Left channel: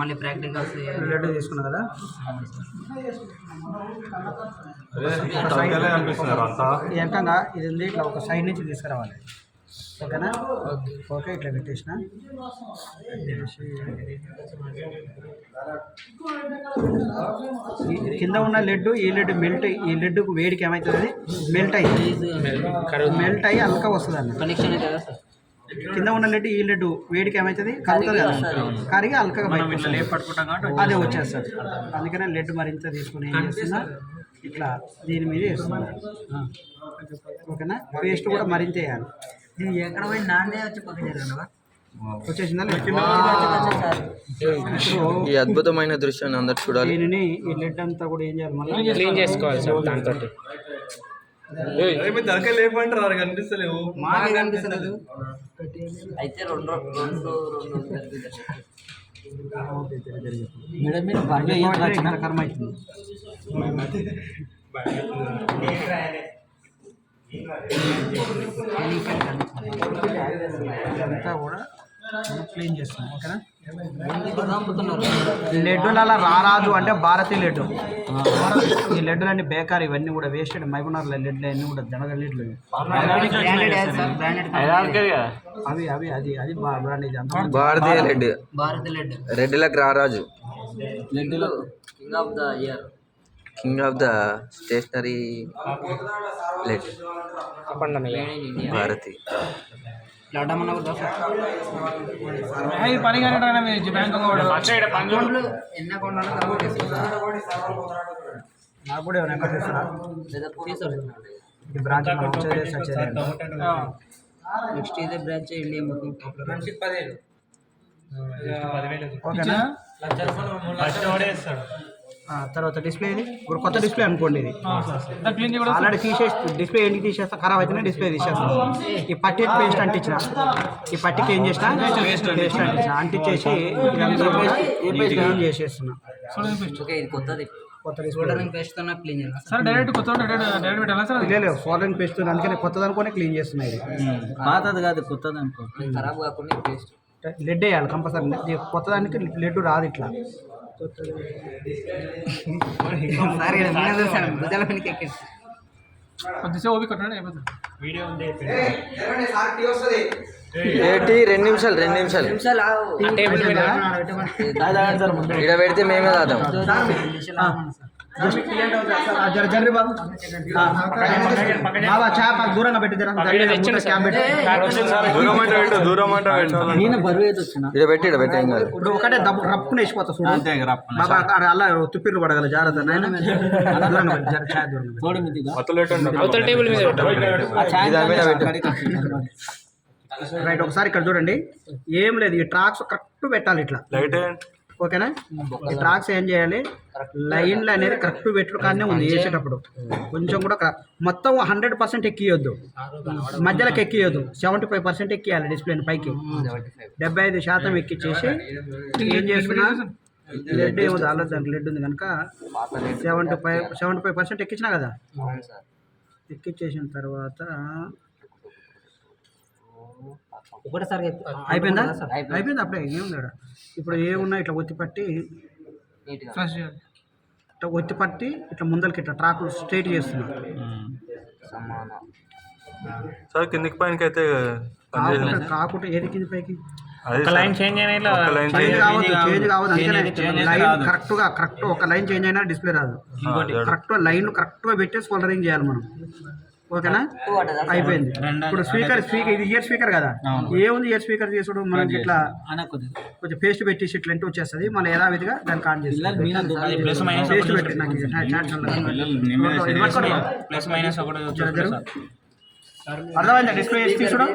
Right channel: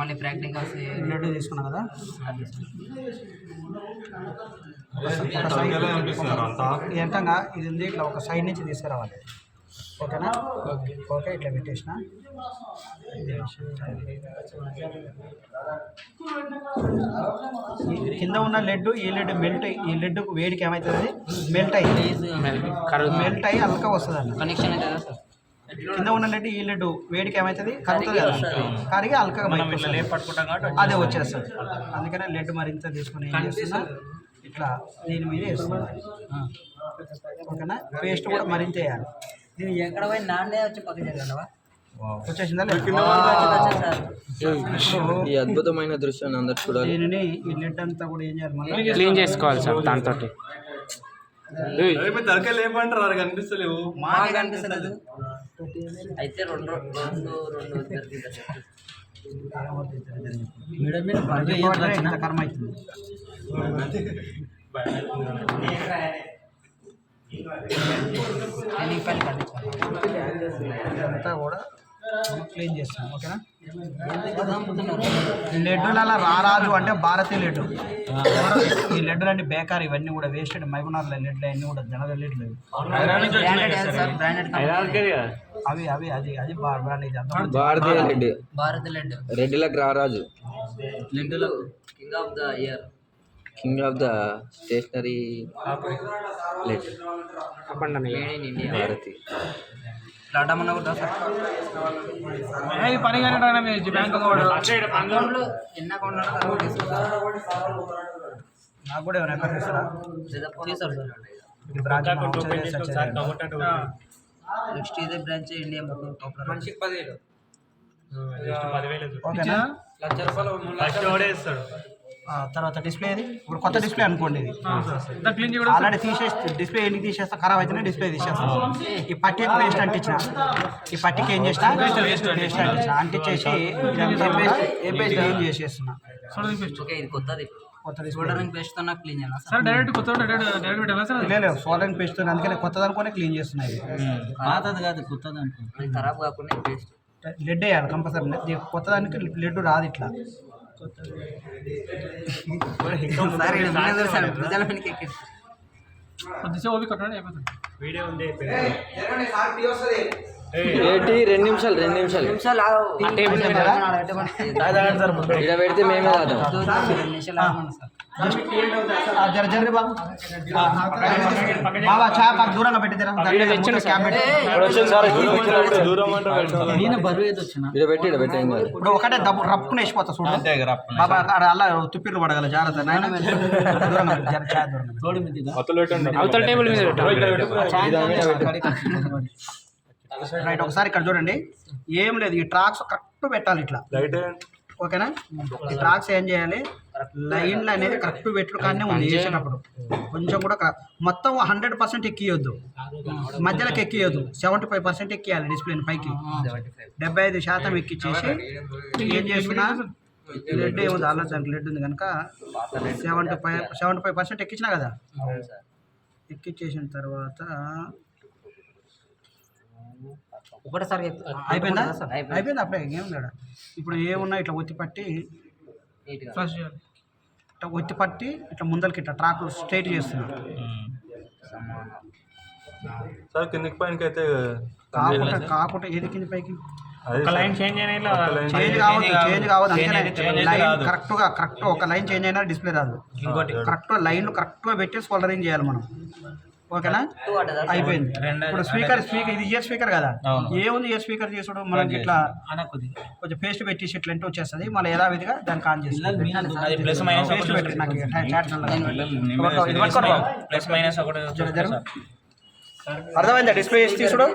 మళ్ళీ ప్రాక్టికల్స్ లడ్డు తీసుకున్నా కదా. ఎంకంగా ఇది ఉంది, ఇట్లా ఒక సైడ్ నుంచి తీసుకురావాలి. ఓకేనా? ఓకే, ఇట్లా పెట్టేసిన. కింద ఉన్న లడ్డు ఈ లడ్డు మెల్ట్, ఈ లడ్డుకు వేడికి ఏమవుతుంది, మెల్ట్ అయ్యి అల్కా వస్తుంది అన్న. కనెక్షన్ అవుతుందా సార్? కింద ఉన్న లడ్డు ఈ లడ్డు వేడికి ఏమవుతుంది, కరుగుతుంది కదా, కరిగి అల్కగా అదే వచ్చేస్తుంది. అందుకనే లడ్డు మరింత తీసుకుని ఏం చేస్తున్నా, ఇట్లా దీని మీద వేస్తున్నా. ఓకేనా? పేస్ట్ కూడా మరింత వేయాలి. నేను ఎక్కడ పోయి నాన్నే వచ్చి పక్కన జరగండి వచ్చేసిందా? ఈ అద్భుతమైన దృశ్యాన్ని అందరు చూడాలి. దీనిని ఈ లెడ్ అంతా కూడా ఏం చేయాలి, మళ్ళీ క్లీన్ చేసుకోవాలి సార్. దాంతో కనిపిస్తలేవు, మాకే కనిపిస్తలేదు. అయితే రెండు కర్మ అవుతుంది. ఇదంతా కూడా క్లీన్ చేస్తాం. ఓకేనా? ఈ లడ్డూలు అలా రారాజు అంటే భారతీయ లడ్డు. ఈ లడ్డులన్నీ బేకార్, ఇవన్నీ కూడా వేస్ట్. మైకునార్ల లడ్లు అన్నీ కూడా జనగ లడ్లు. అవి అవి అది అది భారతీయ లడ్డు, భారతీయ లడ్డు, రెడ్డిలకు రారాజు, లడ్డులో king of the year, king of the stationery led Bharati. నాకు కూడా ఎవరైనా బ్రాంచ్ నెక్స్ట్ ఇదే బ్రాంచ్ ఇండియా మొత్తం. తర్వాత డిస్ప్లే ఇది ఇప్పుడు కొత్త డిస్ప్లే అనుకోండి. ఇది ఆల్రెడీ డిస్ప్లే ఎందుకు తీసేస్తా, ఖరాబ్ అయితేనే డిస్ప్లే తీసేస్తాం. ఈ పట్టికి పేస్ట్ అంటించిన, ఈ పట్టికి ఏం చేసిన పేస్ట్ అంటించిన, అంటించేసి ఏం చేసేస్తున్నా. కొత్త డిస్ప్లే పేస్ట్ క్లీన్ చేయాలి. లేదు సోలరింగ్ పేస్ట్, అందుకని కొత్తది అనుకోని క్లీన్ చేస్తున్నాయి. పాతది కాదు, కొత్తది అనుకో, ఖరాబ్ కాకుండా పేస్ట్. లెడ్ వేయాలి కంపల్సరీ. కొత్తదానికి లెడ్ రాదు ఇట్లా. ఏంటి 2 నిమిషాలు ఇక్కడ పెడితే మేమే దాదాం. జర్రి బాబు బాబా చేప దూరంగా పెట్టి ఇక్కడ పెట్టి ఏం కాదు. ఇప్పుడు ఒకటే దబ్బు రప్పుకుని వేసిపోతా చూడు. బాబా అలా తుప్పిర్లు పడగల జాగ్రత్త నాయన. రైట్, ఒకసారి ఇక్కడ చూడండి. ఏం లేదు, ఈ ట్రాక్స్ కరెక్ట్ పెట్టాలి ఇట్లా. ఓకేనా? ఈ ట్రాక్స్ ఏం చేయాలి, లైన్లు అనేది కరెక్ట్ పెట్టుడు కానీ ఉంది. వేసేటప్పుడు కొంచెం కూడా మొత్తం 100% ఎక్కియొద్దు, మధ్యలోకి ఎక్కియొద్దు. 75% ఎక్కియాలి డిస్ప్లేని పైకి. 75% ఎక్కిచ్చేసి ఏం చేస్తున్నా, లెడ్ ఏమో ఆల్రెడీ దానికి లెడ్ ఉంది కనుక 75% ఎక్కించినా కదా. ఎక్కిచ్చేసిన తర్వాత ఒకటేసారి అయిపోయిందా? అయిపోయింది అప్పుడే. ఏం లేడా ఇప్పుడు ఏమున్నా ఇట్లా ఒత్తిపట్టి ఇట్లా ఒత్తిపట్టి ఇట్లా ముందరికి ఇట్లా ట్రాక్ స్ట్రైట్ చేస్తున్నా. సార్ కిందికి పైనకి అయితే కాకుండా ఏది కింది పైకి చేంజ్ కావద్దు. అంతేనే లైన్ కరెక్ట్ ఒక లైన్ చేంజ్ అయినా డిస్ప్లే రాదు. కరెక్ట్ లైన్ కరెక్ట్గా పెట్టి సోల్డరింగ్ చేయాలి మనం. ఓకేనా? అయిపోయింది. ఇప్పుడు స్పీకర్ ఇది ఇయర్ స్పీకర్ కదా, ఏముంది ఇయర్ స్పీకర్ చేసుడు మనకి ఇట్లా కొంచెం పేస్ట్ పెట్టేసి ఇట్లా ఎంటర్ వచ్చేస్తుంది. మళ్ళీ యథావిధిగా దానికి ఆన్ చేస్తుంది. పేస్ట్ పెట్టి నాకు అర్థమైందా? డిస్ప్లే చేసి తీసుడు.